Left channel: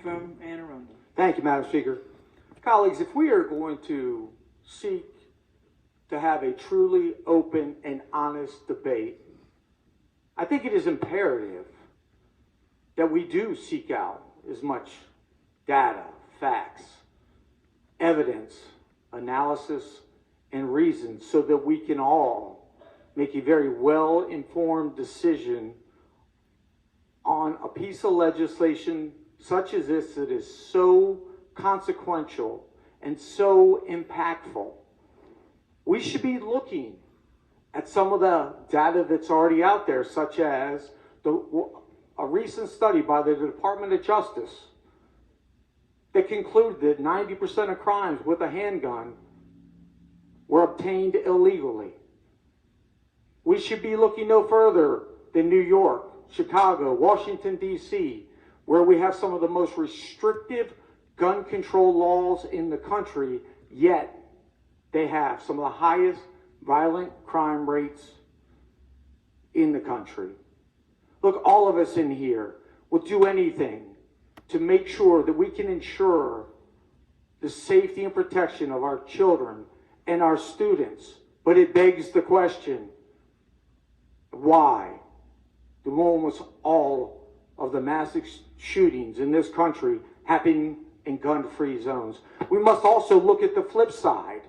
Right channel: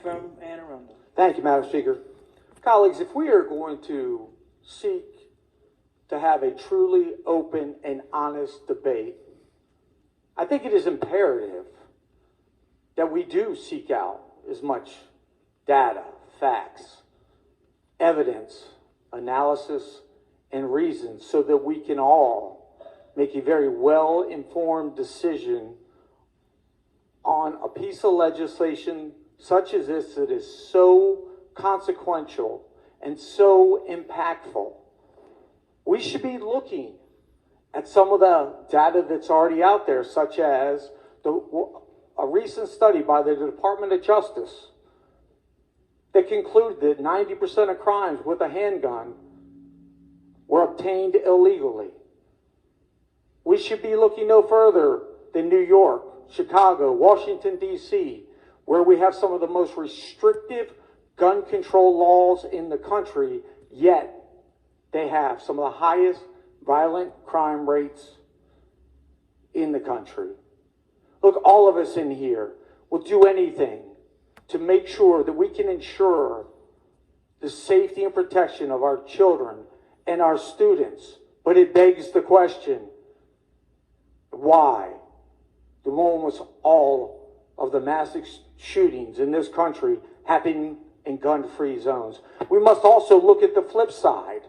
From Anne Arundel. Thank you, Madam Speaker. Colleagues, if we are going to seek to have a truly open and honest debate, I think it is imperative that we do seek out as much data, facts, evidence, analysis, and reason so that we can all make a very well-informed decision on a piece of legislation such as this that is so consequential and so impactful. We should be looking at some of the data that's already out there, such as a recent study by the Department of Justice that concluded that 90% of crimes with a handgun were obtained illegally. We should be looking no further than New York, Chicago, Washington, D.C., where we have some of the most restrictive gun control laws in the country, yet they have some of the highest violent crime rates in the country. Look, all of us in here will do anything to make sure that we can ensure the safety and protection of our children and our students. But it begs the question, why do almost all of the massive shootings in this country happening in gun-free zones? We must also look at the flip side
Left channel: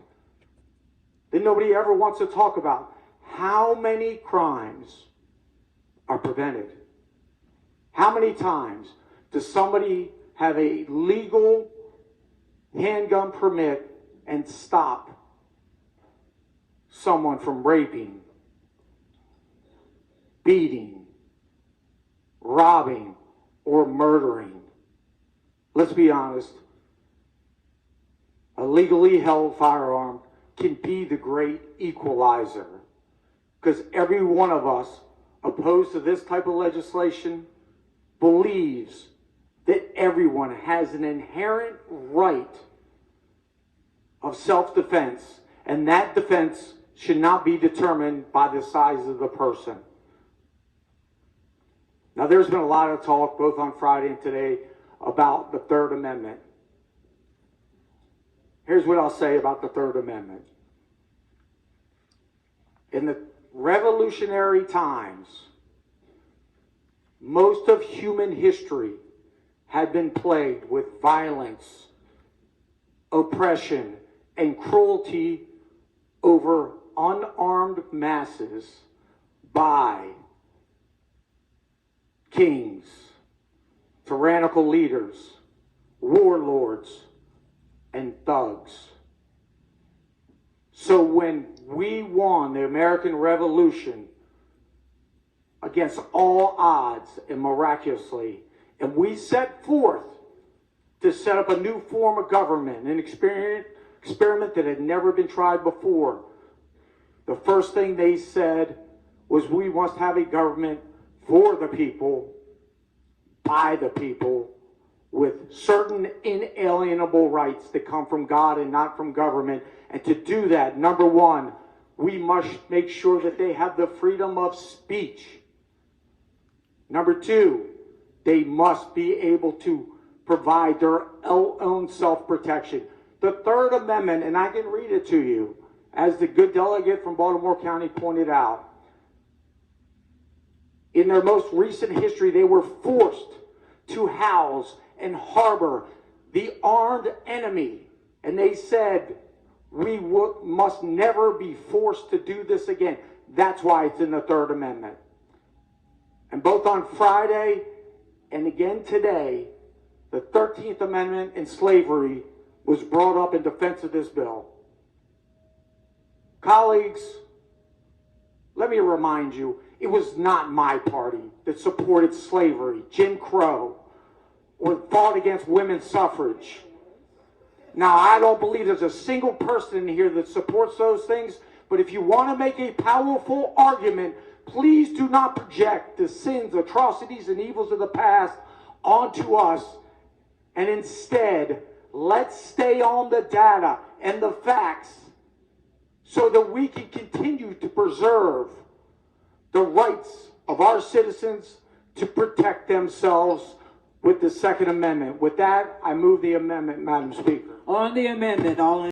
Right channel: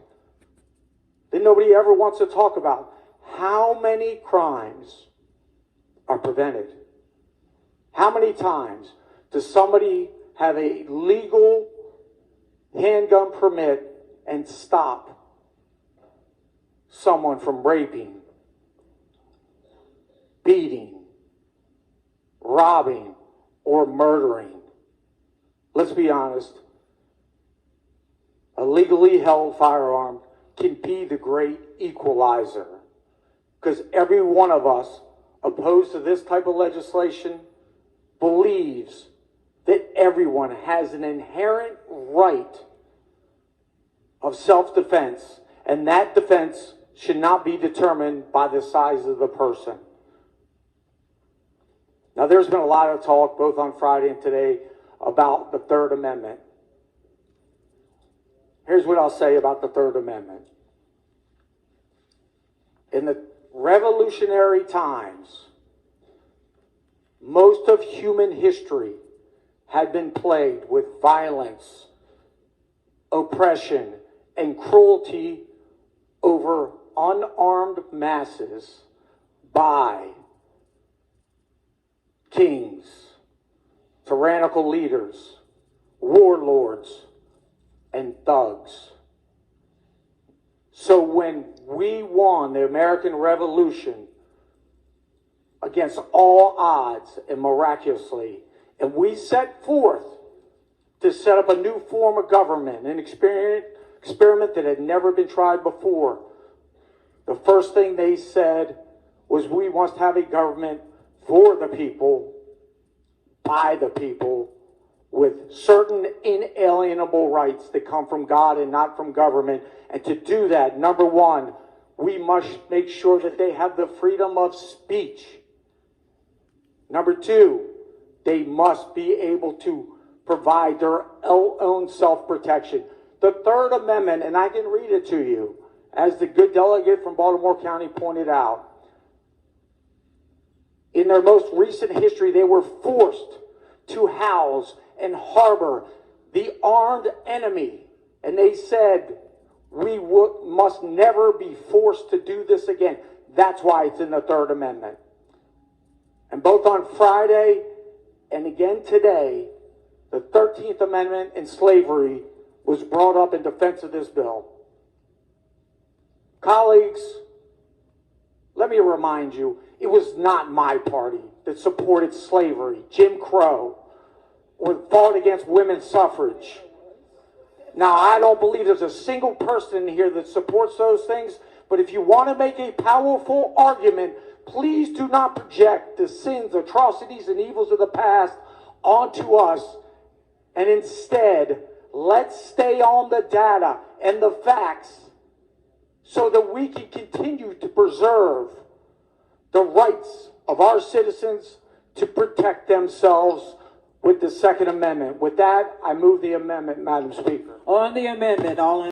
that nobody ever wants to talk about. How many crimes are prevented? How many times does somebody have a legal handgun permit and stop someone from raping, beating, robbing, or murdering? Let's be honest. A legally held firearm can be the great equalizer, because every one of us opposed to this type of legislation believes that everyone has an inherent right of self-defense, and that defense should not be determined by the size of the person. Now, there's been a lot of talk, both on Friday and today, about the Third Amendment. Here's what I'll say about the Third Amendment. In the revolutionary times, most of human history had been plagued with violence, oppression, and cruelty over unarmed masses by kings, tyrannical leaders, warlords, and thugs. So when we won the American Revolution against all odds and miraculously, and we set forth to set up a new form of government, an experiment that had never been tried before, the first thing they said was, we must have a government for the people, by the people, with certain inalienable rights that come from God and not from government. And to do that, number one, we must make sure that they have the freedom of speech. Number two, they must be able to provide their own self-protection. The Third Amendment, and I can read it to you, as the good delegate from Baltimore County pointed out, in their most recent history, they were forced to house and harbor the armed enemy. And they said, we must never be forced to do this again. That's why it's in the Third Amendment. And both on Friday and again today, the 13th Amendment and slavery was brought up in defense of this bill. Colleagues, let me remind you, it was not my party that supported slavery, Jim Crow, or fought against women's suffrage. Now, I don't believe there's a single person in here that supports those things, but if you want to make a powerful argument, please do not project the sins, atrocities, and evils of the past onto us, and instead, let's stay on the data and the facts so that we can continue to preserve the rights of our citizens to protect themselves with the Second Amendment. With that, I move the amendment, Madam Speaker. On the amendment, all in